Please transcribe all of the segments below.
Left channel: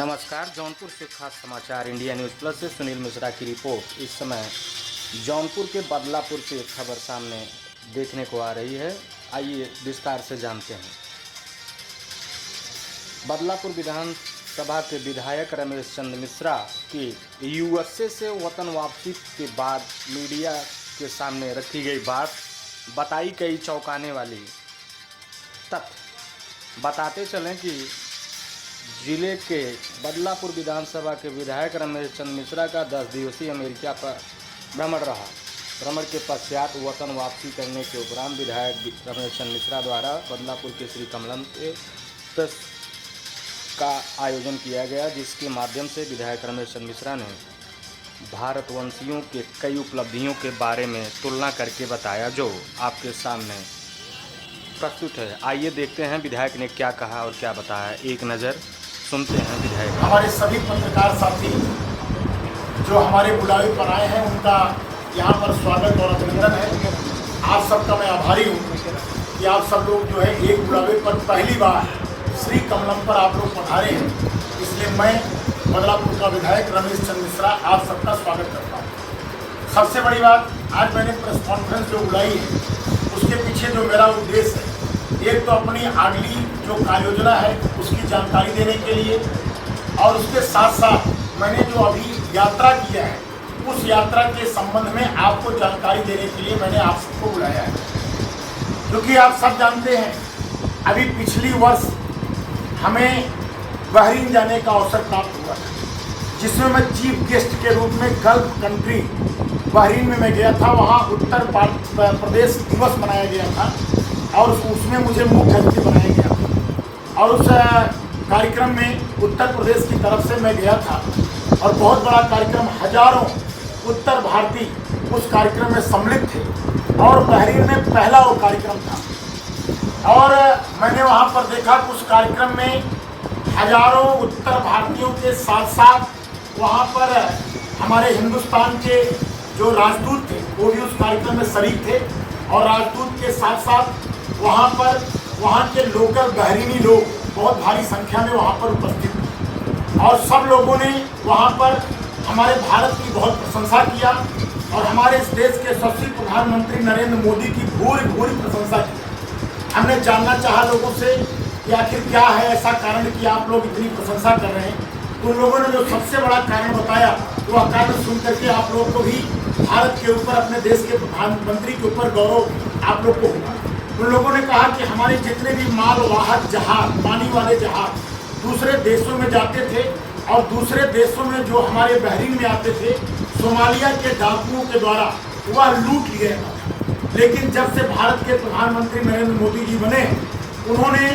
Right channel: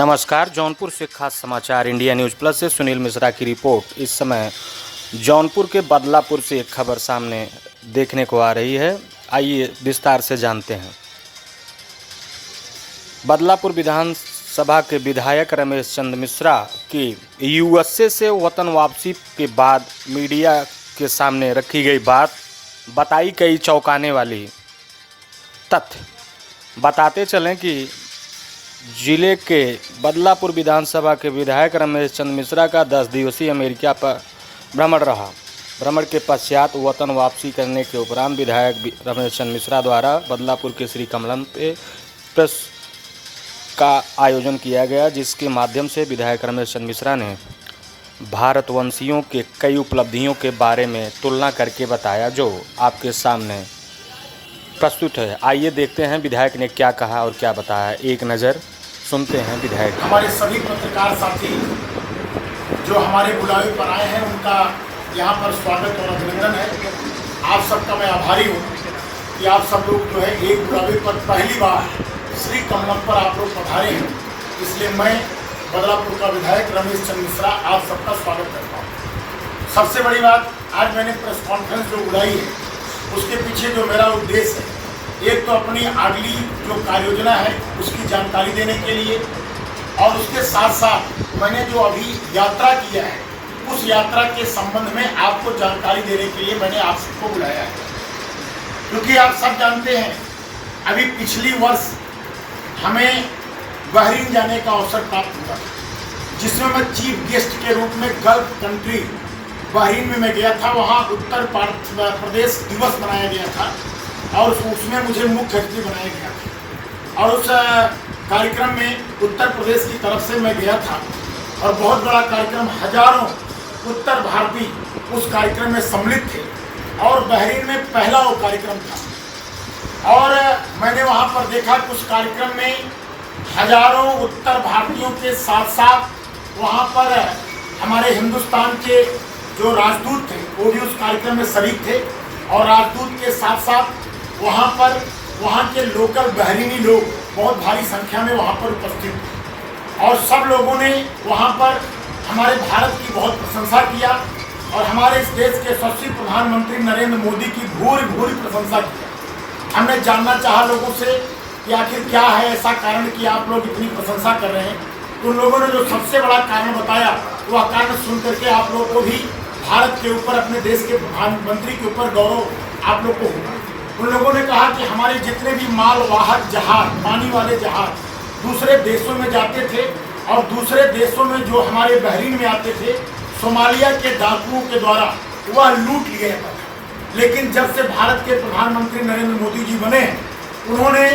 नमस्कार। जौनपुर से खास समाचार इंडिया न्यूज़ प्लस से सुनील मिश्रा की रिपोर्ट। इस समय जौनपुर के बदलापुर से एक खबर सामने देखने को आ रही है। आइए विस्तार से जानते हैं। बदलापुर विधानसभा के विधायक रमेश चंद्र मिश्रा की यूएसए से वतन वापसी के बाद मीडिया के सामने रखी गई बात बताई कई चौंकाने वाली तथ्य। बताते चलें कि जिले के बदलापुर विधानसभा के विधायक रमेश चंद्र मिश्रा का 10 दिवसीय अमेरिका पर भ्रमण रहा। भ्रमण के पश्चात वतन वापसी करने के उपरांत विधायक रमेश चंद्र मिश्रा द्वारा बदलापुर के श्री कमलम पे प्रेस का आयोजन किया गया, जिसके माध्यम से विधायक रमेश चंद्र मिश्रा ने भारतवंशियों के कई उपलब्धियों के बारे में तुलना करके बताया, जो आपके सामने प्रस्तुत है। आइए देखते हैं विधायक ने क्या कहा और क्या बताया। एक नज़र सुनते हैं विधायक। हमारे सभी पत्रकार साथी जो हमारे बुलावे पर आए हैं, उनका यहाँ पर स्वागत और अभिनंदन है। आप सबका मैं आभारी हूँ कि आप सब लोग जो है एक बुलावे पर पहली बार श्री कमलम पर आप लोग पधारे हैं। इसलिए मैं बदलापुर का विधायक रमेश चंद्र मिश्रा आप सबका स्वागत करता हूँ। सबसे बड़ी बात, आज मैंने प्रेस कॉन्फ्रेंस जो बुलाई है उसके पीछे जो मेरा उद्देश्य है, एक तो अपनी अगली जो कार्य योजना है उसकी जानकारी देने के लिए, और उसके साथ साथ मैंने जो अभी यात्रा किया है उस यात्रा के संबंध में आपको जानकारी देने के लिए मैंने आप सबको बुलाया है। क्योंकि आप सब जानते हैं अभी पिछली वर्ष हमें बहरीन जाने का अवसर प्राप्त हुआ, जिसमें मैं चीफ गेस्ट के रूप में गल्फ कंट्री बहरीन में मैं गया था। वहाँ उत्तर प्रदेश दिवस मनाया गया था और उसमें मुझे मुख्य अतिथि बनाया गया था, और उस कार्यक्रम में उत्तर प्रदेश की तरफ से मैं गया था और बहुत बड़ा कार्यक्रम, हजारों उत्तर भारतीय उस कार्यक्रम में सम्मिलित थे और बहरीन में पहला वो कार्यक्रम था। और मैंने वहाँ पर देखा कि उस कार्यक्रम में हजारों उत्तर भारतीयों के साथ साथ वहाँ पर हमारे हिंदुस्तान के जो राजदूत थे वो भी उस कार्यक्रम में शरीक थे, और राजदूत के साथ साथ वहाँ के लोकल बहरीनी लोग बहुत भारी संख्या में वहाँ पर उपस्थित थे। और सब लोगों ने वहाँ पर हमारे भारत की बहुत प्रशंसा किया और हमारे इस देश के यशस्वी प्रधानमंत्री नरेंद्र मोदी की भूरी प्रशंसा की। हमने जानना चाहा लोगों से कि आखिर क्या है ऐसा कारण कि आप लोग इतनी प्रशंसा कर रहे हैं। उन लोगों ने जो सबसे बड़ा कारण बताया, वह कारण सुन करके आप लोगों को भी भारत के ऊपर, अपने देश के प्रधानमंत्री के ऊपर गौरव आप लोग को होगा। उन लोगों ने कहा कि हमारे जितने भी मालवाहक जहाज, पानी वाले जहाज दूसरे देशों में जाते थे और दूसरे देशों में जो हमारे बहरीन में आते थे, सोमालिया के डाकुओं के द्वारा वह लूट लिए जाता था। लेकिन जब से भारत के प्रधानमंत्री नरेंद्र मोदी जी बने, उन्होंने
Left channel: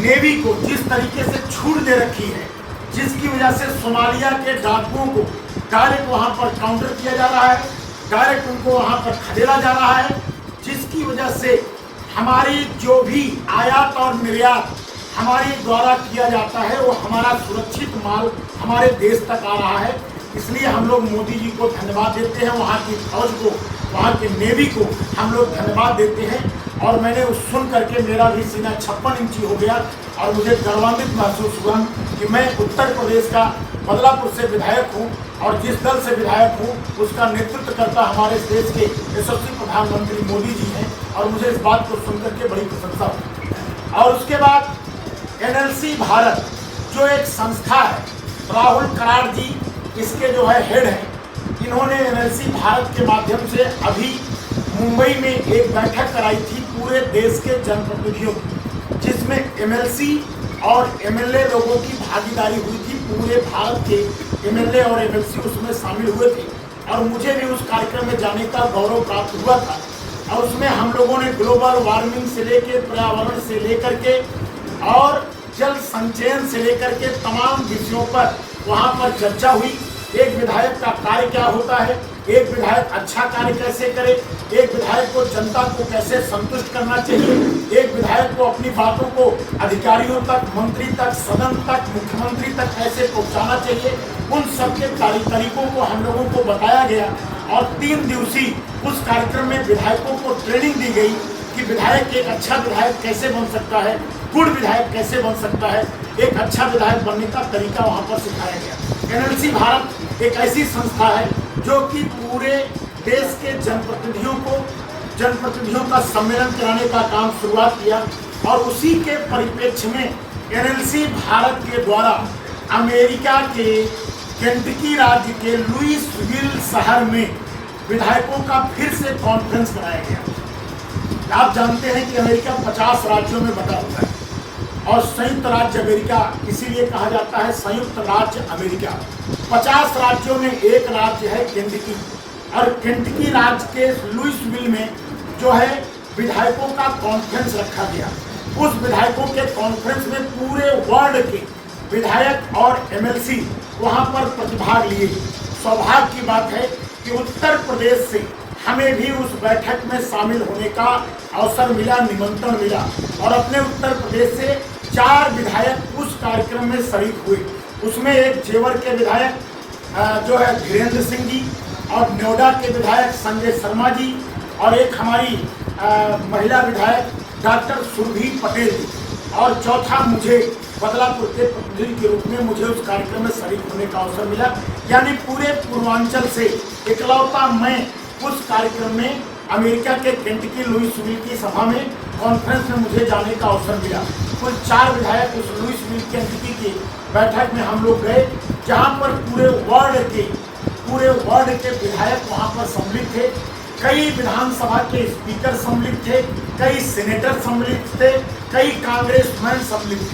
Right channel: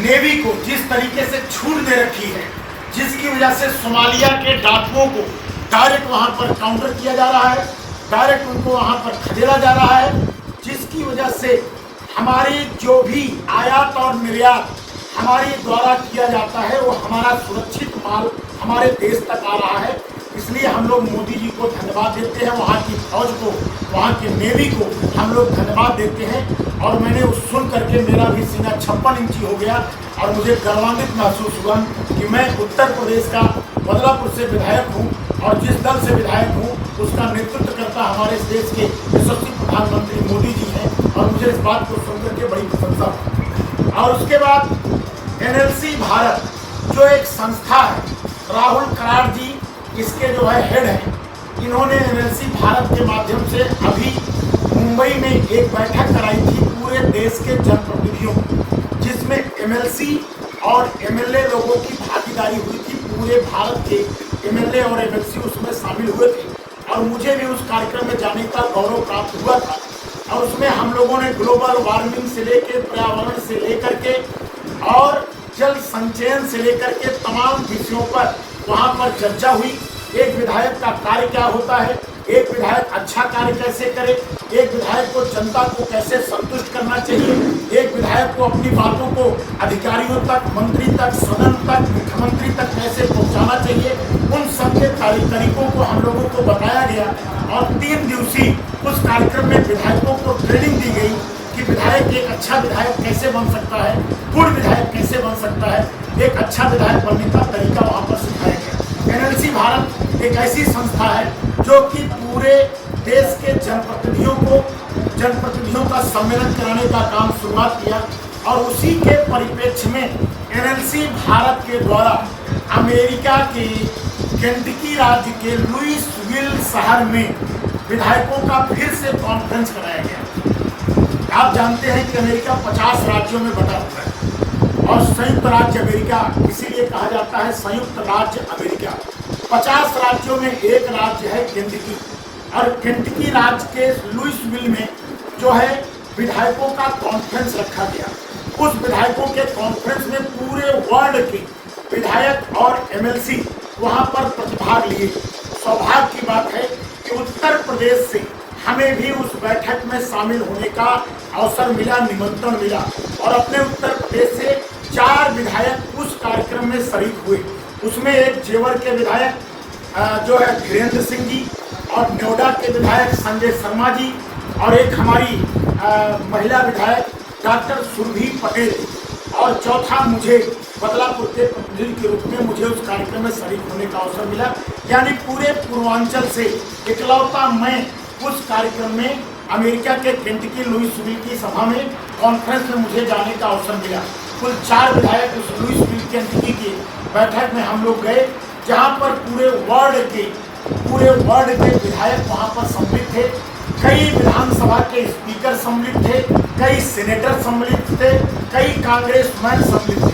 नेवी को जिस तरीके से छूट दे रखी है, जिसकी वजह से सोमालिया के डाकुओं को डायरेक्ट वहाँ पर काउंटर किया जा रहा है, डायरेक्ट उनको वहाँ पर खदेड़ा जा रहा है, जिसकी वजह से हमारी जो भी आयात और निर्यात हमारे द्वारा किया जाता है वो हमारा सुरक्षित माल हमारे देश तक आ रहा है। इसलिए हम लोग मोदी जी को धन्यवाद देते हैं, वहाँ की फौज को, वहाँ के नेवी को हम लोग धन्यवाद देते हैं। और मैंने उस सुन करके मेरा भी सीना 56 इंची हो गया और मुझे गर्वान्वित महसूस हुआ कि मैं उत्तर प्रदेश का बदलापुर से विधायक हूँ और जिस दल से विधायक हूँ उसका नेतृत्व करता हमारे इस देश के यशस्वी प्रधानमंत्री मोदी जी हैं, और मुझे इस बात को सुनकर के बड़ी प्रशंसा हुई। और उसके बाद NLC भारत जो एक संस्था है, राहुल कराड़ जी इसके जो है हेड हैं, इन्होंने NLC भारत के माध्यम से अभी मुंबई में एक बैठक कराई थी पूरे देश के जनप्रतिनिधियों की, जिसमें MLC और MLA लोगों की भागीदारी हुई थी। पूरे भारत के MLA और MLC उसमें शामिल हुए थे और मुझे भी उस कार्यक्रम में जाने का गौरव प्राप्त हुआ था। और उसमें हम लोगों ने ग्लोबल वार्मिंग से लेकर, पर्यावरण से लेकर के और जल संचयन से लेकर के तमाम विषयों पर वहाँ पर चर्चा हुई। एक विधायक का कार्य क्या होता है, एक विधायक अच्छा कार्य कैसे करे, एक विधायक को जनता को कैसे संतुष्ट करना चाहिए, एक विधायक को अपनी बातों को अधिकारियों तक, मंत्री तक, सदन तक, मुख्यमंत्री तक कैसे पहुंचाना चाहिए, उन सब के तरीकों को हम लोगों को बताया गया। और 3 दिवसीय उस कार्यक्रम में विधायकों को ट्रेनिंग दी गई कि विधायक एक अच्छा विधायक कैसे बन सकता है, गुण विधायक कैसे बन सकता है। एक अच्छा विधायक बनने का तरीका वहाँ पर सिखाया गया। एनएलसी भारत एक ऐसी संस्था है जो कि पूरे देश के जनप्रतिनिधियों का सम्मेलन कराने का काम शुरुआत किया और उसी के परिप्रेक्ष्य में एनएलसी भारत के द्वारा अमेरिका के केंटकी राज्य के लुइसविल शहर में विधायकों का फिर से कॉन्फ्रेंस कराया गया। आप जानते हैं कि अमेरिका 50 राज्यों में बटा हुआ है और संयुक्त राज्य अमेरिका इसीलिए कहा जाता है संयुक्त राज्य अमेरिका। 50 राज्यों में एक राज्य है केंटकी और केंटकी राज्य के लुइसविल में जो है विधायकों का कॉन्फ्रेंस रखा गया। उस विधायकों के कॉन्फ्रेंस में पूरे वर्ल्ड के विधायक और एमएलसी वहां पर प्रतिभाग लिए। सौभाग्य की बात है कि उत्तर प्रदेश से हमें भी उस बैठक में शामिल होने का अवसर मिला, निमंत्रण मिला और अपने उत्तर प्रदेश से 4 विधायक उस कार्यक्रम में शरीक हुए। उसमें एक जेवर के विधायक जो है धीरेन्द्र सिंह जी और नोएडा के विधायक संजय शर्मा जी और एक हमारी महिला विधायक डॉक्टर सुरभि पटेल और चौथा मुझे बदलापुर के प्रतिनिधि के रूप में मुझे उस कार्यक्रम में शरीक होने का अवसर मिला। यानी पूरे पूर्वांचल से इकलौता मैं उस कार्यक्रम में अमेरिका के केंटकी लुइसविल की सभा में कॉन्फ्रेंस में मुझे जाने का अवसर मिला। कुल 4 विधायक उस लुइसविल केंटकी की बैठक में हम लोग गए, जहाँ पर पूरे वर्ल्ड के विधायक वहाँ पर सम्मिलित थे। कई विधानसभा के स्पीकर सम्मिलित थे, कई सेनेटर सम्मिलित थे, कई कांग्रेसमैन सम्मिलित थे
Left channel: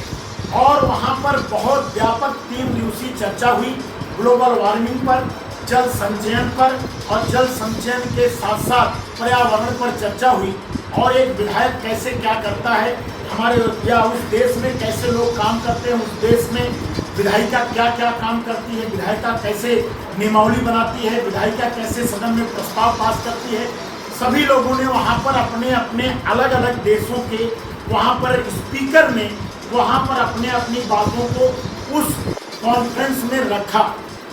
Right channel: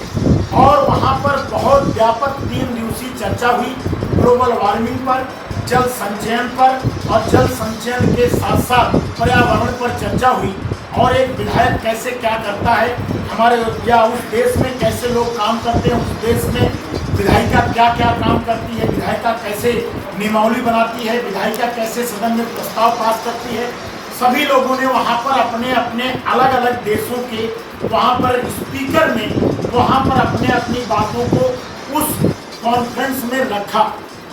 और वहाँ पर बहुत व्यापक 3 दिवसीय चर्चा हुई ग्लोबल वार्मिंग पर, जल संचयन पर और जल संचयन के साथ साथ पर्यावरण पर चर्चा हुई और एक विधायक कैसे क्या करता है हमारे या उस देश में कैसे लोग काम करते हैं, उस देश में विधायिका क्या क्या काम करती है, विधायिका कैसे नियमावली बनाती है, विधायिका कैसे सदन में प्रस्ताव पास करती है। सभी लोगों ने वहाँ पर अपने अपने अलग अलग देशों के वहाँ पर स्पीकर ने वहाँ पर अपने अपनी बातों को उस कॉन्फ्रेंस में रखा।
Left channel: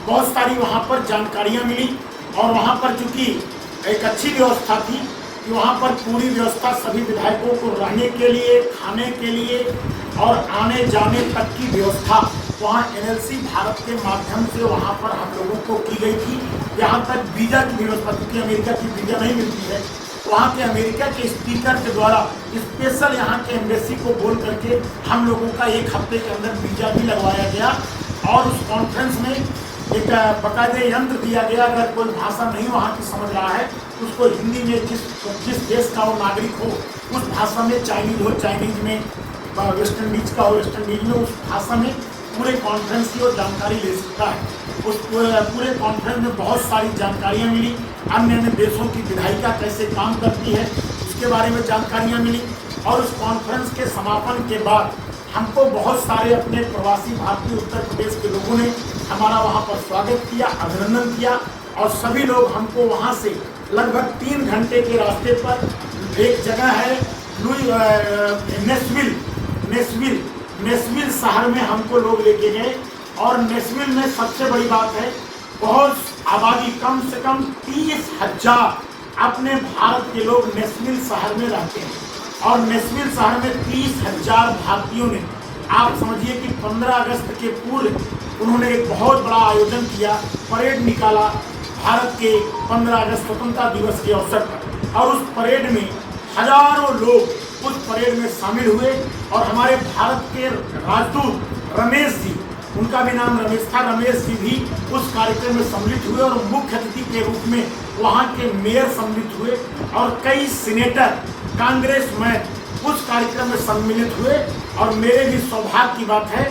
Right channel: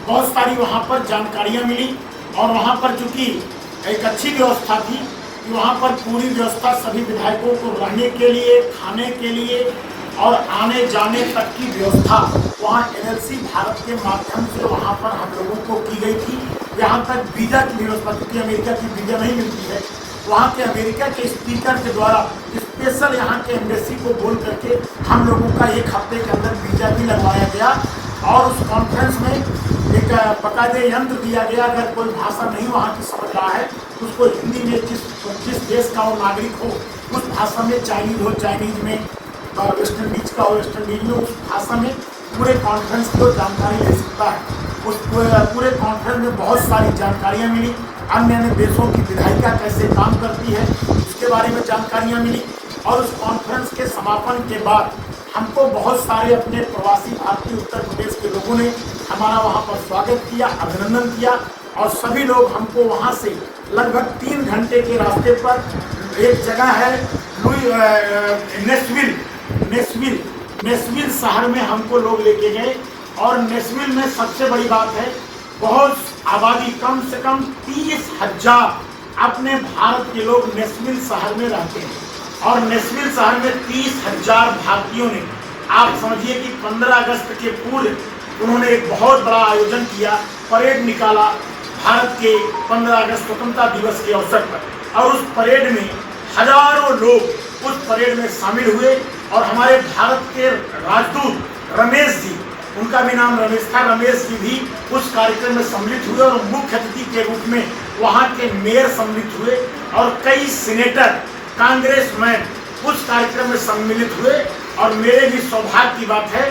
बहुत सारी वहाँ पर जानकारियाँ मिली और वहाँ पर चूँकि एक अच्छी व्यवस्था थी कि वहाँ पर पूरी व्यवस्था सभी विधायकों को रहने के लिए, खाने के लिए और आने जाने तक की व्यवस्था वहाँ एनएलसी भारत के माध्यम से वहाँ पर हम लोगों को की गई थी। यहाँ तक वीज़ा की व्यवस्था, क्योंकि अमेरिका की वीज़ा नहीं मिलती है, वहाँ के अमेरिका के स्पीकर के द्वारा स्पेशल यहाँ के एम्बेसी को बोल करके हम लोगों का 1 हफ्ते के अंदर वीज़ा भी लगवाया गया और उस कॉन्फ्रेंस में एक बाकायदे यंत्र दिया गया। अगर कोई भाषा नहीं वहाँ की समझ रहा है उसको हिंदी में जिस देश का वो नागरिक हो उस भाषा में, चाइनीज हो चाइनीज में, वेस्ट इंडीज का हो वेस्ट इंडीज में, उस भाषा में पूरे कॉन्फ्रेंस की जानकारी ले सकता है। उस पूरे कॉन्फ्रेंस में बहुत सारी जानकारियाँ मिली। अन्य अन्य देशों की विधायिका कैसे काम करती है इसके बारे में जानकारियाँ मिली और उस कॉन्फ्रेंस के समापन के बाद हमको बहुत सारे अपने प्रवासी भारतीय उत्तर प्रदेश के लोगों ने हमारा वहाँ पर स्वागत किया, अभिनंदन किया और सभी लोग हमको वहाँ से लगभग 3 घंटे के रास्ते पर एक जगह है नेशविल शहर में हमको लोग लेके गए और नेशविल में सबसे बड़ी बात है बहुत आबादी, कम से कम 30,000 अपने भारत के लोग नेशविल शहर में रहते हैं और नेशविल शहर में 30,000 भारतीयों ने, आप समझिए कि 15 अगस्त के पूर्व उन्होंने एक बहुत बड़ा आयोजन किया, परेड निकाला भारत के 15 अगस्त स्वतंत्रता दिवस के अवसर पर और उस परेड में हजारों लोग उस परेड में शामिल हुए और हमारे भारत के राजदूत रमेश जी, उनका भी नाम रमेश था, रमेश जी भी उस कार्यक्रम में सम्मिलित हुए और मुख्य अतिथि के रूप में वहाँ के मेयर सम्मिलित हुए और कई सीनेटर, कांग्रेसमैन उस कार्यक्रम में सम्मिलित हुए और मेरे भी सौभाग्य की बात है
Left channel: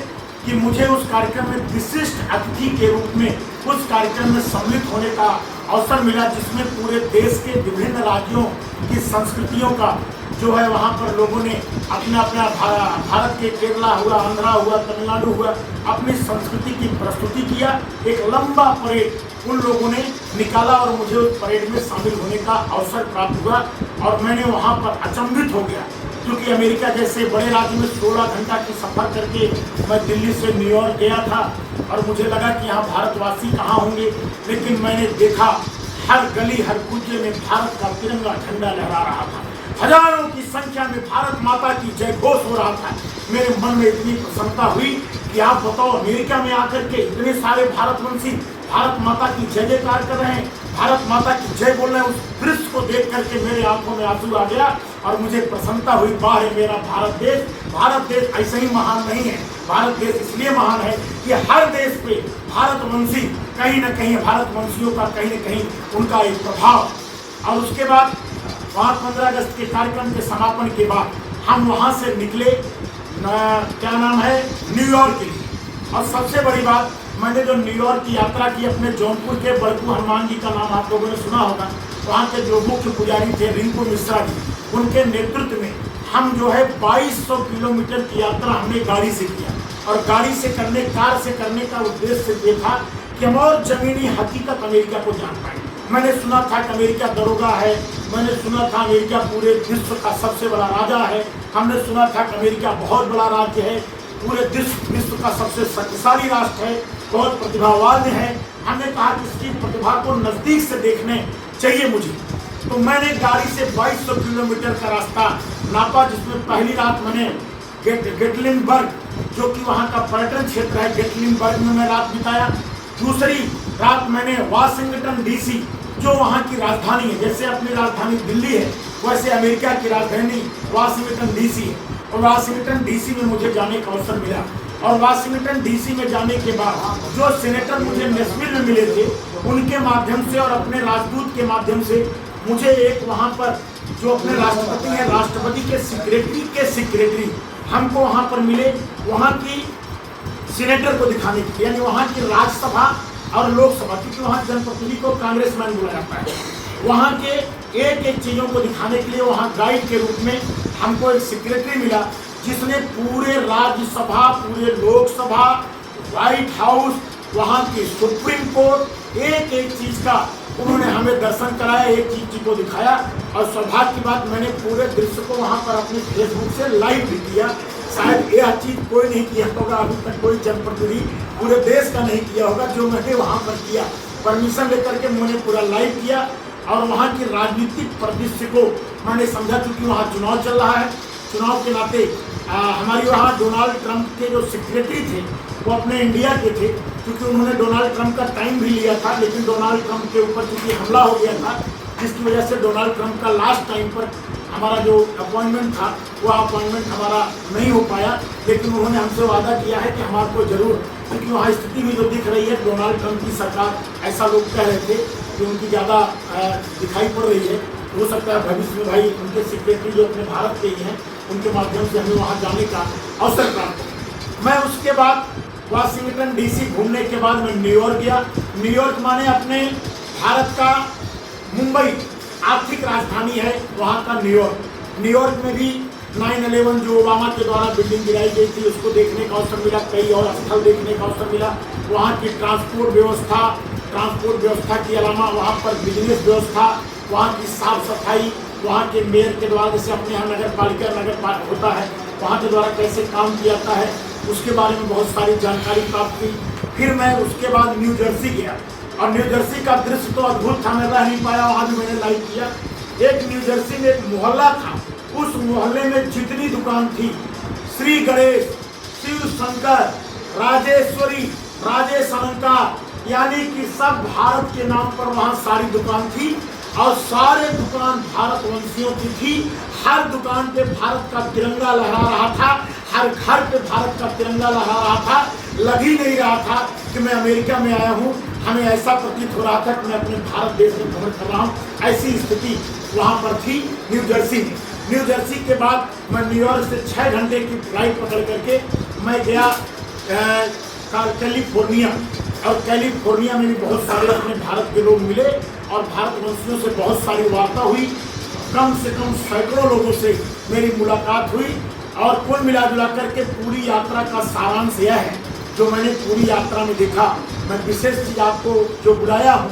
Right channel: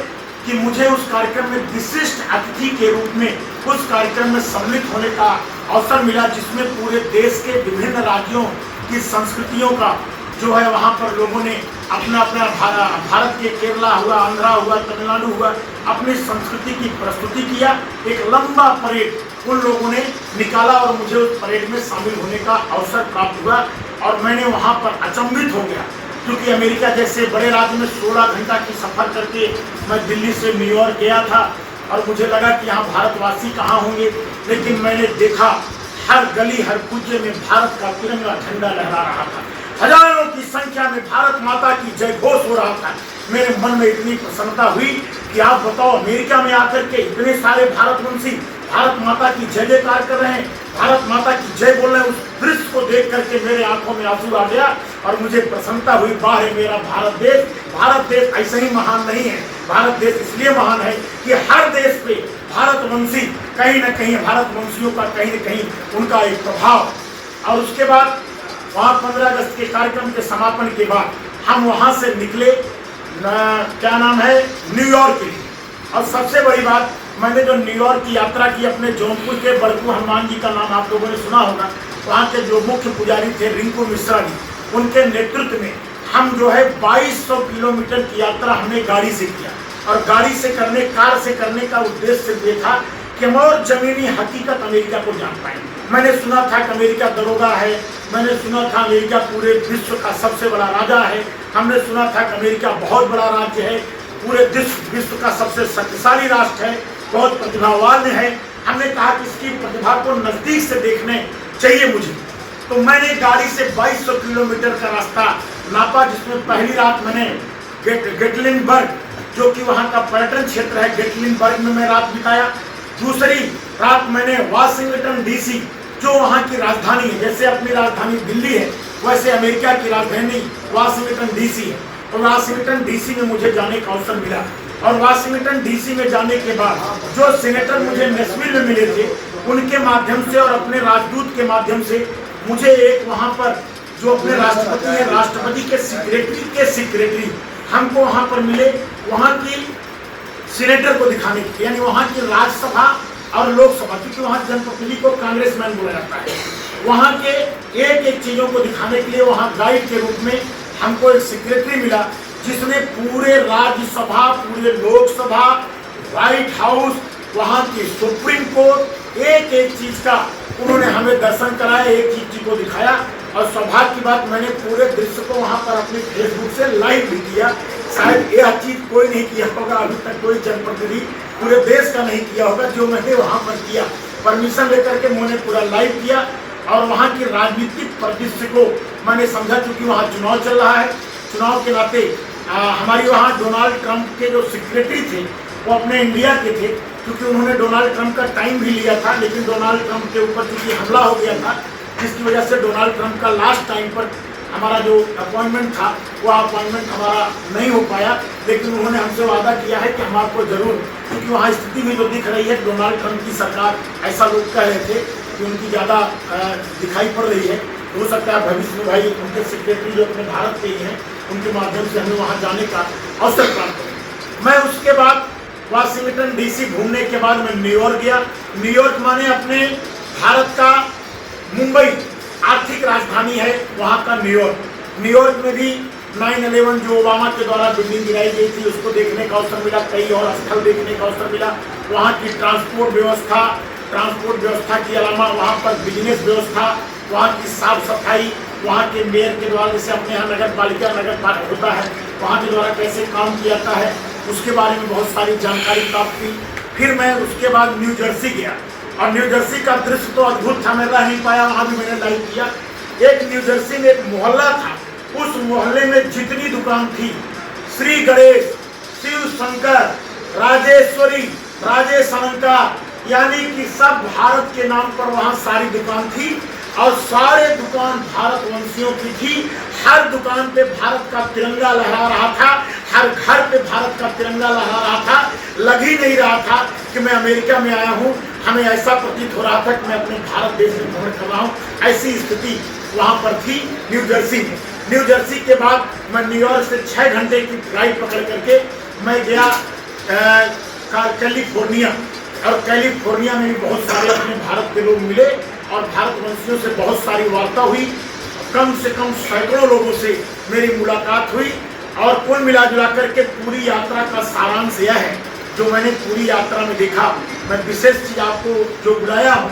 कि मुझे उस कार्यक्रम में विशिष्ट अतिथि के रूप में उस कार्यक्रम में सम्मिलित होने का अवसर मिला, जिसमें पूरे देश के विभिन्न राज्यों की संस्कृतियों का जो है वहाँ पर लोगों ने अपना अपना भारत के केरला हुआ, आंध्रा हुआ, तमिलनाडु हुआ, अपनी संस्कृति की प्रस्तुति किया। एक लंबा परेड उन लोगों ने निकाला और मुझे उस परेड में शामिल होने का अवसर प्राप्त हुआ और मैंने वहाँ पर अचंभित हो गया, क्योंकि अमेरिका जैसे बड़े राज्य में 16 घंटा की सफ़र करके मैं दिल्ली से न्यूयॉर्क गया था और मुझे लगा कि यहाँ भारतवासी कहाँ होंगे, लेकिन मैंने देखा हर गली हर कुचे में भारत का तिरंगा झंडा लहरा रहा था। हजारों की संख्या में भारत माता की जय घोष हो रहा था। मेरे मन में इतनी प्रसन्नता हुई कि आप बताओ, अमेरिका में आकर के इतने सारे भारतवंशी भारत माता की जय जयकार कर रहे हैं, भारत माता की जय बोल रहे हैं। उस दृश्य को देख करके मेरे आंखों में आंसू आ गया और मुझे प्रसन्नता हुई। वाह है मेरा भारत देश। भारत देश ऐसे ही महान नहीं है, भारत देश इसलिए महान है कि हर देश पे भारतवंशी कहीं न कहीं, भारतवंशियों का कहीं न कहीं उनका एक प्रभाव। और उसके बाद वहाँ 15 अगस्त के कार्यक्रम के समापन के बाद हम वहाँ से निकले क्या नाम है, न्यूयॉर्क के लिए। और सबसे बड़ी बात, मैंने जो न्यूयॉर्क की यात्रा की अपने जौनपुर के बड़कू हनुमान जी का नाम आप लोगों ने सुना होगा, वहाँ के जो मुख्य पुजारी थे रिंकू मिश्रा जी, उनके नेतृत्व में हम जो है 2200 किलोमीटर की यात्रा हमने गाड़ी से किया। और गाड़ी से करने, कार से करने का उद्देश्य ये था कि हम और जमीनी हकीकत अमेरिका को जान पाए। मैंने सुना था कि अमेरिका दरोगा है, मैंने सुना था अमेरिका पूरे विश्व का सबसे बड़ा राजा है, हमने सुना था कि अमेरिका बहुत बड़ा राज्य है, पूरे विश्व का सबसे शक्तिशाली राष्ट्र है, बहुत प्रतिभावान है। हमने कहा कि इसकी प्रतिभा को नज़दीक से देखने चाहिए मुझे। तो मैंने गाड़ी से 2200 किलोमीटर का रास्ता नापा, जिसमें पहली रात मैंने गेटलिनबर्ग, जो कि वहाँ का पर्यटन क्षेत्र है, गेटलिनबर्ग में मैं रात बिताया। दूसरी रात मैंने वाशिंगटन डीसी, जो वहाँ की राजधानी है, जैसे अपनी राजधानी दिल्ली है वैसे अमेरिका की राजधानी वाशिंगटन डीसी है। और वाशिंगटन डीसी में मुझे जाने का अवसर मिला। और वाशिंगटन डीसी में जाने के बाद जो सेनेटर मुझे नेशविल में मिले थे, उनके माध्यम से और अपने राजदूत के माध्यम से मुझे एक वहाँ पर जो अपने राष्ट्रपति हैं, राष्ट्रपति के सेक्रेटरी हमको वहाँ पर मिले, वहाँ की सीनेटर को दिखाने के लिए, यानी वहाँ की राज्यसभा और लोकसभा, क्योंकि वहाँ जनप्रतिनिधि को कांग्रेसमैन बोला जाता है, वहाँ के एक एक चीज़ों को दिखाने के लिए वहाँ गाइड के रूप में हमको एक सेक्रेटरी मिला, जिसने पूरे राज्यसभा, पूरे लोकसभा, व्हाइट हाउस, वहाँ की सुप्रीम कोर्ट, एक एक चीज़ का उन्होंने हमें दर्शन कराया, एक चीज़ को दिखाया। और सौभाग्य की बात, मैंने पूरे दृश्य को वहाँ पर अपने फेसबुक से लाइव भी किया। शायद यह चीज़ कोई नहीं किया होगा अभी तक, कोई जनप्रतिनिधि पूरे देश का नहीं किया होगा जो मैंने वहाँ पर किया। परमिशन लेकर के मैंने पूरा लाइव किया और वहाँ की राजनीतिक परिदृश्य को मैंने समझा, क्योंकि वहाँ चुनाव चल रहा है। चुनाव के नाते हमारी वहाँ डोनाल्ड ट्रंप के जो सेक्रेटरी थे वो अपने इंडिया के थे, क्योंकि उन्होंने डोनाल्ड ट्रंप का टाइम भी लिया था, लेकिन डोनाल्ड ट्रंप के ऊपर क्योंकि हमला हो गया था, जिसकी वजह से डोनाल्ड ट्रंप का लास्ट टाइम पर हमारा जो अपॉइंटमेंट था वह अपॉइंटमेंट हमारा नहीं हो पाया। लेकिन उन्होंने हमसे वादा किया है कि हम आपको जरूर, क्योंकि वहाँ स्थिति भी जो दिख रही है, डोनाल्ड ट्रंप की सरकार, ऐसा लोग कह रहे थे कि उनकी ज़्यादा दिखाई पड़ रही है। हो सकता है भविष्य में भाई उनके सेक्रेटरी जो अपने भारत के ही हैं, उनके माध्यम से हमें वहाँ जाने का अवसर प्राप्त हो। मैं उसके बाद वाशिंगटन डीसी घूमने के बाद मैं न्यूयॉर्क गया। न्यूयॉर्क माने अपने भारत का मुंबई, आर्थिक राजधानी है वहाँ का न्यूयॉर्क। न्यूयॉर्क में भी 9/11 जो ओबामा के द्वारा बिल्डिंग गिराई गई थी, उसको देखने का अवसर मिला, कई और स्थल देखने का अवसर मिला। वहाँ की ट्रांसपोर्ट व्यवस्था के अलावा वहाँ पर बिजनेस व्यवस्था, वहाँ की साफ सफाई, वहाँ के मेयर के द्वारा, जैसे अपने यहाँ नगर पालिका होता है, वहाँ के द्वारा कैसे काम किया जाता है, उसके बारे में बहुत सारी जानकारी प्राप्त की। फिर मैं उसके बाद न्यू जर्सी गया और न्यू जर्सी का दृश्य तो अद्भुत था, मैं रह नहीं पाया, वहाँ भी मैंने लाइव किया। एक न्यू जर्सी में एक मोहल्ला था, उस मोहल्ले में जितनी दुकान थी, श्री गणेश, शिव शंकर, राजेश्वरी, राजेश अलंकार, यानी कि सब भारत के नाम पर वहाँ सारी दुकान थी और सारे दुकान भारतवंशियों की थी। हर दुकान पे भारत का तिरंगा लहरा रहा था, हर घर पे भारत का तिरंगा लहरा रहा था। लग ही नहीं रहा था कि मैं अमेरिका में आया हूँ, हमें ऐसा प्रतीत हो रहा था कि मैं अपने भारत देश में भ्रमण कर रहा हूँ। ऐसी स्थिति वहाँ पर थी न्यू जर्सी में। न्यू जर्सी के बाद मैं न्यूयॉर्क से 6 घंटे की फ्लाइट पकड़ करके मैं गया कैलिफोर्निया, और कैलिफोर्निया में भी बहुत सारे अपने भारत के लोग मिले और भारतवंशियों से बहुत सारी वार्ता हुई। कम से कम सैकड़ों लोगों से मेरी मुलाकात हुई और कुल मिला जुला करके पूरी यात्रा का सारांश यह है जो मैंने पूरी यात्रा में देखा। मैं विशेष चीज़ आपको जो बुलाया हूँ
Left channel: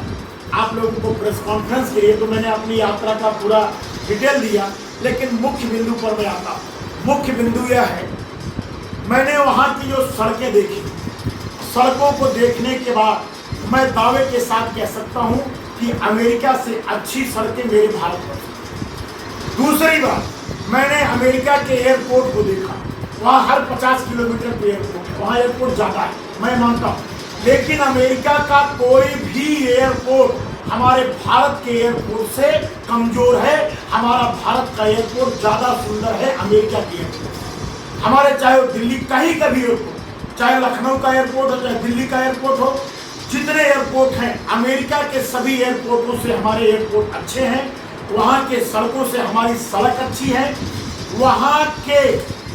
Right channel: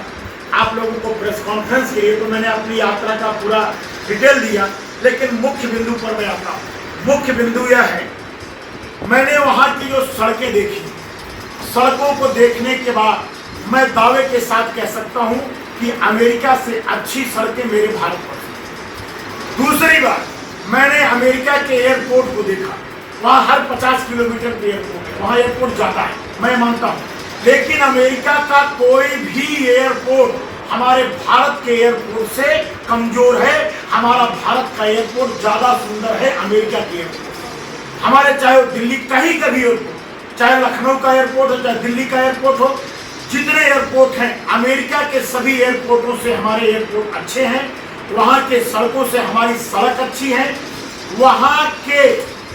आप लोगों को प्रेस कॉन्फ्रेंस के लिए, तो मैंने अपनी यात्रा का पूरा डिटेल दिया, लेकिन मुख्य बिंदु पर मैं आता हूँ। मुख्य बिंदु यह है, मैंने वहाँ की जो सड़कें देखी, सड़कों को देखने के बाद मैं दावे के साथ कह सकता हूँ कि अमेरिका से अच्छी सड़कें मेरे भारत पर। दूसरी बात, मैंने अमेरिका के एयरपोर्ट को देखा, वहाँ हर 50 किलोमीटर पे एयरपोर्ट, वहाँ एयरपोर्ट जाता है, मैं मानता हूँ, लेकिन अमेरिका का कोई भी एयरपोर्ट हमारे भारत के एयरपोर्ट से कमजोर है। हमारा भारत का एयरपोर्ट ज़्यादा सुंदर है अमेरिका के एयरपोर्ट। हमारे चाहे वो दिल्ली कहीं का भी एयरपोर्ट, चाहे लखनऊ का एयरपोर्ट हो, चाहे दिल्ली का एयरपोर्ट हो, जितने एयरपोर्ट हैं अमेरिका के सभी एयरपोर्टों से हमारे एयरपोर्ट अच्छे हैं। वहाँ के सड़कों से हमारी सड़क अच्छी है, वहाँ के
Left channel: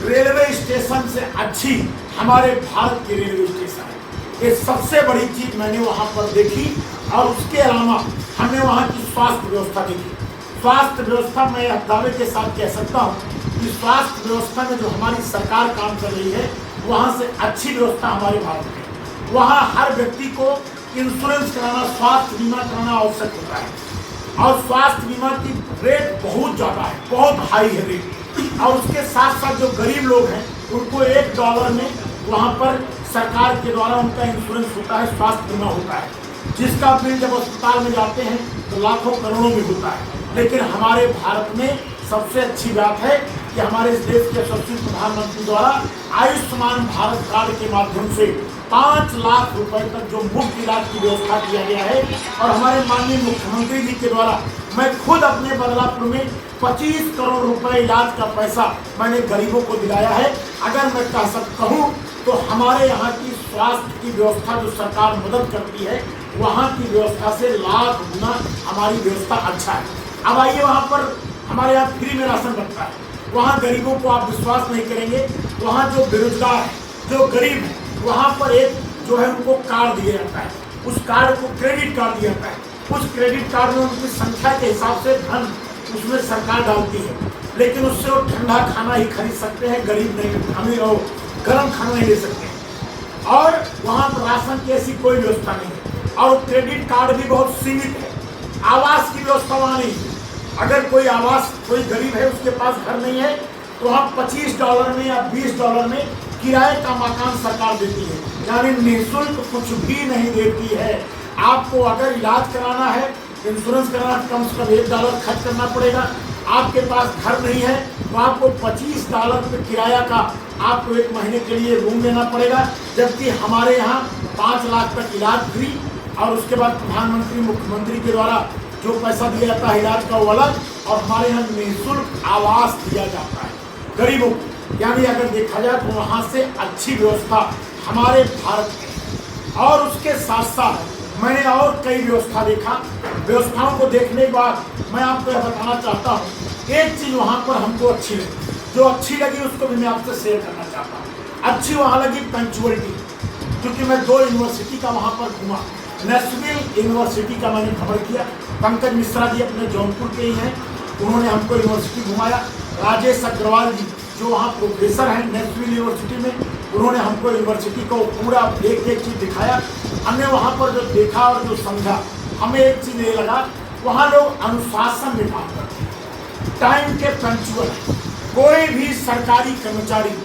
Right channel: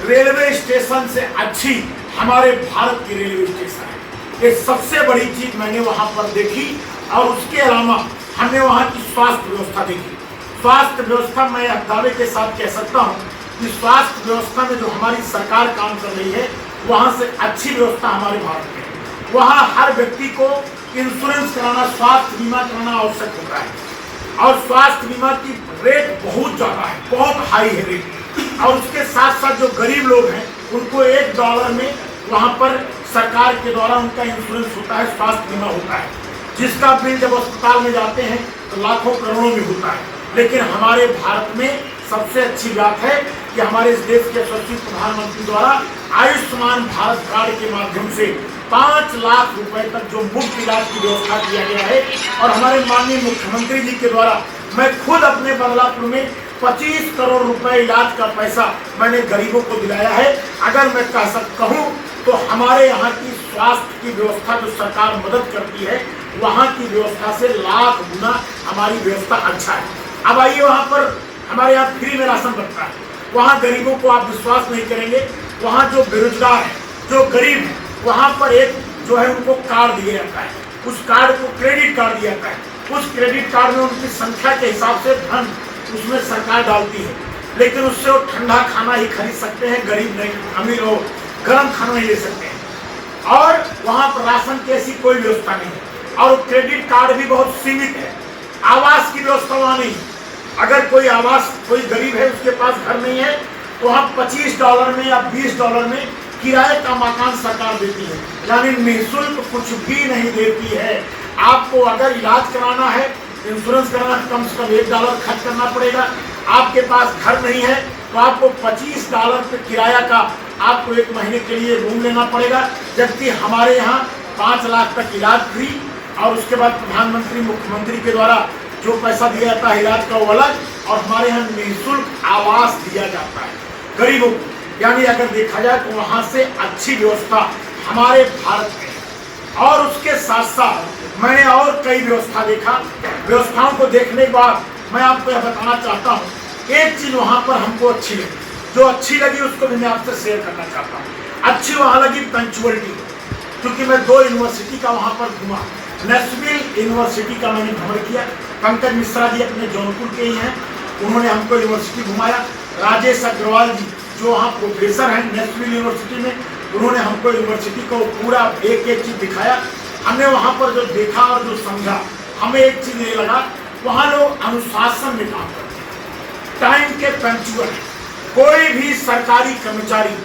रेलवे स्टेशन से अच्छी हमारे भारत की रेलवे स्टेशन है। ये सबसे बड़ी चीज़ मैंने वहाँ पर देखी। और उसके अलावा हमने वहाँ की स्वास्थ्य व्यवस्था देखी। स्वास्थ्य व्यवस्था मैं दावे के साथ कह सकता हूँ कि स्वास्थ्य व्यवस्था में जो हमारी सरकार काम कर रही है, वहाँ से अच्छी व्यवस्था हमारे भारत में है। वहाँ हर व्यक्ति को इंश्योरेंस कराना, स्वास्थ्य बीमा कराना आवश्यक होता है, और स्वास्थ्य बीमा की रेट बहुत ज़्यादा है, बहुत हाई है रेट। और उसके साथ साथ जो गरीब लोग हैं उनको $1 में वहाँ पर सरकार के द्वारा उनका इंश्योरेंस होता है, स्वास्थ्य बीमा होता है, जिसका बिल जब अस्पताल में जाते हैं तो लाखों करोड़ों में होता है। लेकिन हमारे भारत में सबसे अच्छी बात है कि हमारे इस देश के यशस्वी प्रधानमंत्री द्वारा आयुष्मान भारत कार्ड के माध्यम से 5 लाख रुपए तक जो मुफ्त इलाज की व्यवस्था किया गया है। और हमारे माननीय मुख्यमंत्री जी के द्वारा मैं खुद अपने बदलापुर में 25 करोड़ रुपए इलाज का पैसा मैंने गरीबों को दिलाया है। अगर मैं कहूँ तो हमारे यहाँ की स्वास्थ्य की व्यवस्था जो सरकार मदद करती है, वहाँ की व्यवस्था से लाख गुना हमारी व्यवस्था अच्छा है। अब आइए, वहाँ पर हमारे यहाँ फ्री में राशन बनता है। वहाँ गरीबों को आप विश्वास नहीं करेंगे, वहाँ जो बेरोजगार है, जो गरीब है, वहाँ पर एक जो है उनको कार्ड दिया जाता है। उस कार्ड को क्रेडिट कार्ड दिया जाता है। उस क्रेडिट कार्ड में उनकी संख्या के हिसाब से धन उसमें सरकार डालती है, लेकिन उससे वो ठंडा खाना ही खरीद सकते हैं, गरीब नहीं, अमीर हो गर्म खाना नहीं ले सकते हैं। और वहाँ पर राशन की ऐसी कोई व्यवस्था नहीं है, और क्रेडिट कार्ड भी बहुत सीमित है। आवास की व्यवस्था वहाँ नहीं है। अगर कोई कोई गरीब है, उसके पास घर नहीं है, तो वहाँ $25 में या $20 में किराए का मकान सरकार देती है, यानी निःशुल्क कुछ भी नहीं देती है। आपको अगर इलाज कराना है, इंश्योरेंस कराना, कम से कम $1 खर्च करना पड़ेगा। आपके पास घर नहीं है तो आपको $25 पे किराया का आपको 1 महीने के लिए रूम लेना पड़ेगा। जबकि हमारे यहाँ 5 लाख तक इलाज फ्री, और उसके बाद प्रधानमंत्री मुख्यमंत्री के द्वारा जो पैसा दिया जाता है इलाज का वो अलग, और हमारे यहाँ निःशुल्क आवास दिया जाता है गरीबों को। यानी अगर देखा जाए तो वहाँ से अच्छी व्यवस्था हमारे भारत में है। और उसके साथ साथ मैंने और कई व्यवस्था देखा। व्यवस्थाओं को देखने के बाद मैं आपको यह बताना चाहता हूँ, एक चीज़ वहाँ पर हमको अच्छी लगी, जो अच्छी लगी उसको भी मैं आपसे शेयर करना चाहता हूँ। अच्छी वहाँ लगी पंक्चुअलिटी, क्योंकि मैं 2 यूनिवर्सिटी का वहाँ पर घूमा। नेशनल यूनिवर्सिटी का मैंने भ्रमण किया। पंकज मिश्रा जी अपने जौनपुर के ही हैं, उन्होंने हमको यूनिवर्सिटी घुमाया। राजेश अग्रवाल जी जो वहाँ प्रोफेसर हैं नेशनल यूनिवर्सिटी में, उन्होंने हमको यूनिवर्सिटी को पूरा एक चीज़ दिखाया। हमने वहाँ पर जो देखा और जो समझा, हमें एक चीज़ ये लगा, वहाँ लोग अनुशासन में काम करते हैं, टाइम के पंक्चुअल। कोई भी सरकारी कर्मचारी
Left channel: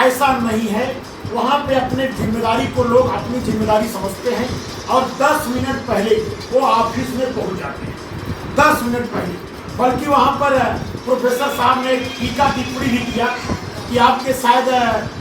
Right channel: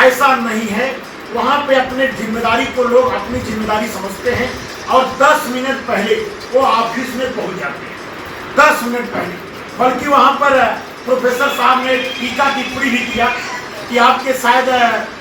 ऐसा नहीं है, वहाँ पे अपने जिम्मेदारी को लोग अपनी जिम्मेदारी समझते हैं, और 10 मिनट पहले वो ऑफिस में पहुँच जाते हैं, 10 मिनट पहले। बल्कि वहाँ पर प्रोफेसर साहब ने टीका टिप्पणी भी किया कि आपके शायद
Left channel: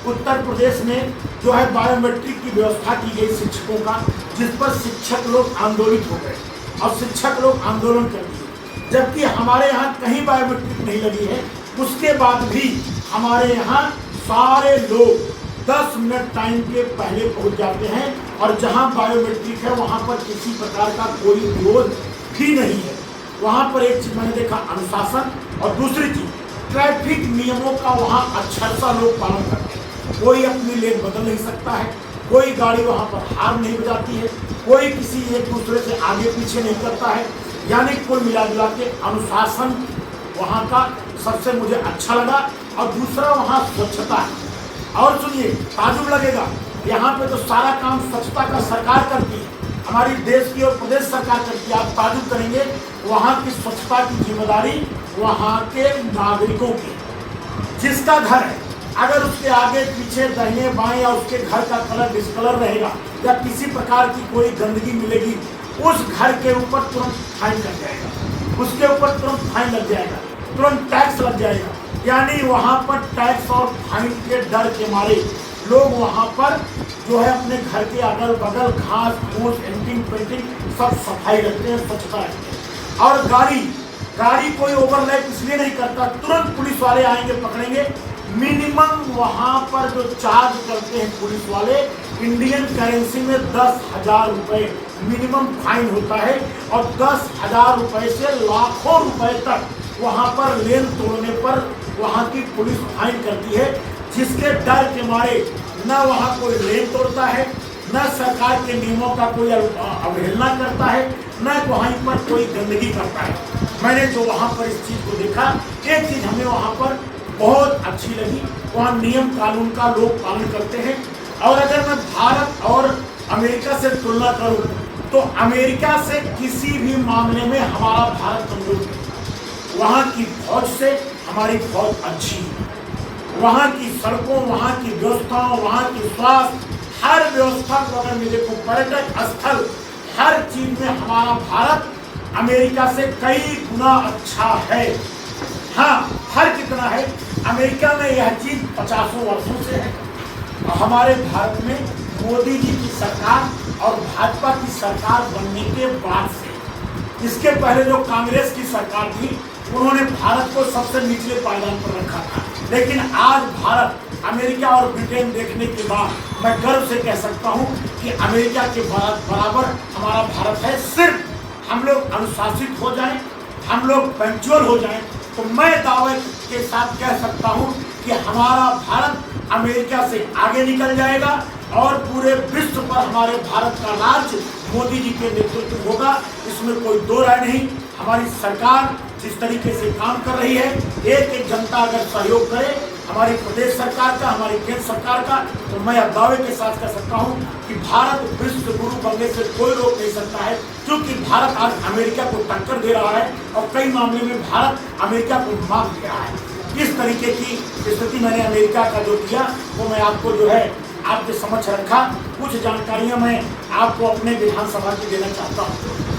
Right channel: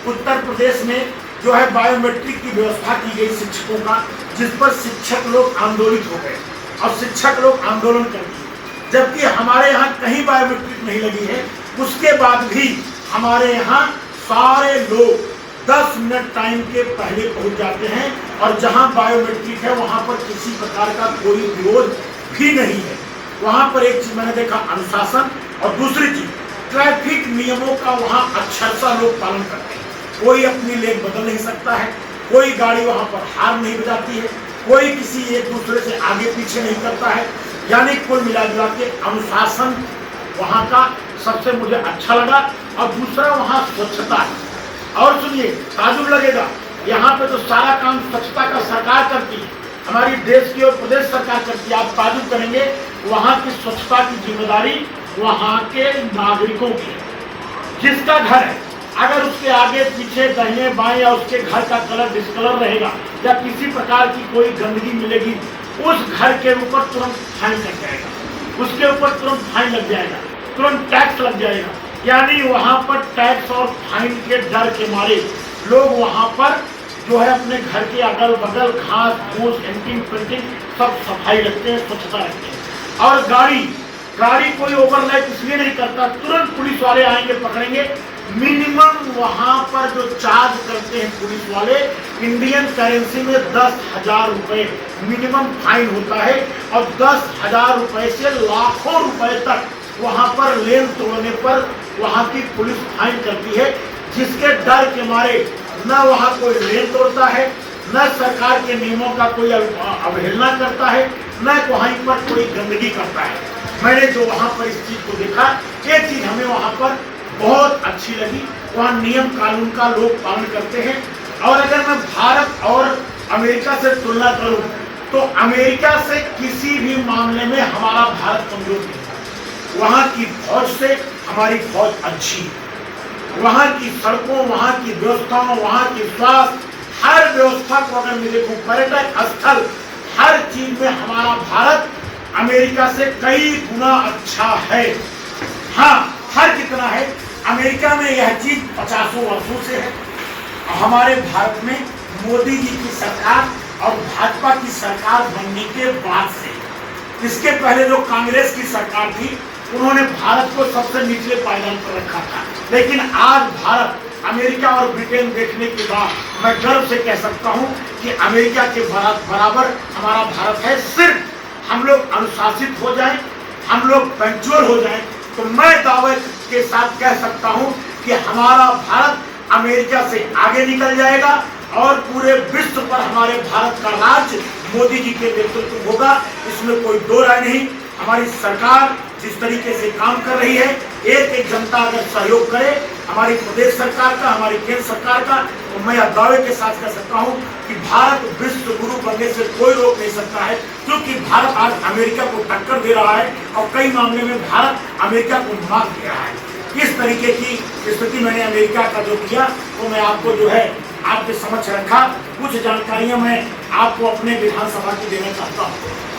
उत्तर प्रदेश में जो है बायोमेट्रिक की व्यवस्था की गई शिक्षकों का, जिस पर शिक्षक लोग आंदोलित हो गए और शिक्षक लोग आंदोलन कर दिए। जबकि हमारे यहाँ कहीं बायोमेट्रिक नहीं लगी है, उसके बाद भी हमारे यहाँ सारे लोग 10 मिनट टाइम के पहले पहुँच जाते हैं। और जहाँ बायोमेट्रिक है वहाँ पर किसी प्रकार का कोई विरोध भी नहीं है। वहाँ पर एक चीज़ मैंने देखा, अनुशासन, और दूसरी चीज़ ट्रैफिक नियमों का वहाँ अक्षरशः लोग पालन करते हैं। कोई अपनी लेन बदल नहीं सकता है, कोई गाड़ी वहाँ पर हार्न नहीं बजाती है, कोई किसी एक दूसरे से आगे पीछे नहीं करता है। यानी कुल मिला के अनुशासन वहाँ का सबसे मुझे अच्छा लगा। और दूसरा वहाँ स्वच्छता है। और सुनिए, ताजुब लगेगा, यहाँ पे तो सारा काम स्वच्छता का सरकार करती है, हमारी देश की और प्रदेश सरकार करती है। आप ताजुब करेंगे, वहाँ की स्वच्छता की जिम्मेदारी वहाँ के नागरिकों की है। जिसका घर है, अगर उसके आगे पीछे दाहिने बाएं या उसके घर का कलर डिस्कलर रहेगा या किसी प्रकार की कोई गंदगी मिलेगी, उस घर के ऊपर तुरंत फाइन लग जाएगा, उसके ऊपर तुरंत फाइन लग जाएगा। तुरंत टैक्स लग जाएगा। यानी वहाँ पर टैक्स और फाइन के डर के मारे लोग वहाँ पर जो है अपने घर के अगल बगल घास फूस एंटिंग पेंटिंग सब सफाई रखते हैं, स्वच्छता रखते हैं। और गाड़ी कोई ओवरलाइट इसलिए नहीं करता, तुरंत पुलिस वाले आएंगे पकड़ेंगे। मिनिमम वहाँ पर जो चार्ज करते हैं पुलिस वाले इंडियन करेंसी में 10,000 रुपये मिनिमम फाइन होता है। और 10,000 रुपये से लाखों रुपए तक वहाँ पर लेन तोड़ने पर वहाँ की पुलिस फाइन करती है, जिसके डर के मारे न वहाँ कोई लेन तोड़ता है, न सरकार के नियमों का कोई अवहेलना करता है, न वहीं पर कोई गंदगी करता है। मैंने जो वहाँ पर इस चीज़ को देखा, एक चीज़ हमें वहाँ पर बहुत अच्छी लगी, वहाँ नियम कानून का लोग पालन करते हैं। और अगर मैं भारत और अमेरिका से तुलना करूँ तो अमेरिका से किसी भी मामले में हमारा भारत कमजोर नहीं। वहाँ की फौज से हमारी फौज अच्छी, वहाँ की सड़कों, वहाँ की व्यवस्थाओं, वहाँ की स्वास्थ्य, हर व्यवस्था को अगर मैं देखूँ, पर्यटक स्थल, हर चीज में हमारा भारत अमेरिका से कई गुना अच्छा है। हाँ, हर कितना है, अमेरिका में यह चीज 50 वर्षों से है। हमारे भारत में मोदी जी की सरकार और भाजपा की सरकार बनने के बाद से, इसके पहले जो कांग्रेस की सरकार थी उन्होंने भारत को सबसे निचले पायदान पर रखा था। लेकिन आज भारत अमेरिका और ब्रिटेन देखने के बाद मैं गर्व से कह सकता हूं कि अमेरिका के बराबर हमारा भारत है। सिर्फ हम लोग अनुशासित हो जाएं, हम लोग पंक्चुअल हो जाएं, तो मैं दावे के साथ कह सकता हूं कि हमारा भारत अमेरिका से आगे निकल जाएगा और पूरे विश्व पर हमारे भारत का राज मोदी जी के नेतृत्व होगा। इसमें कोई दो राय नहीं। हमारी सरकार जिस तरीके से काम कर रही है, एक एक जनता अगर सहयोग करे, हमारी प्रदेश सरकार का, हमारी केंद्र सरकार का, तो मैं दावे के साथ कह सकता हूं कि भारत विश्व गुरु बनने से कोई रोक नहीं सकता है, क्योंकि भारत आज अमेरिका को टक्कर दे रहा है और कई मामले में भारत अमेरिका को मात दे रहा है। इस तरीके की स्थिति मैंने अमेरिका का जो किया वो मैं आपको जो है आपके समक्ष रखा। कुछ जानकारियां मैं आपको अपने विधानसभा की देना चाहता हूँ।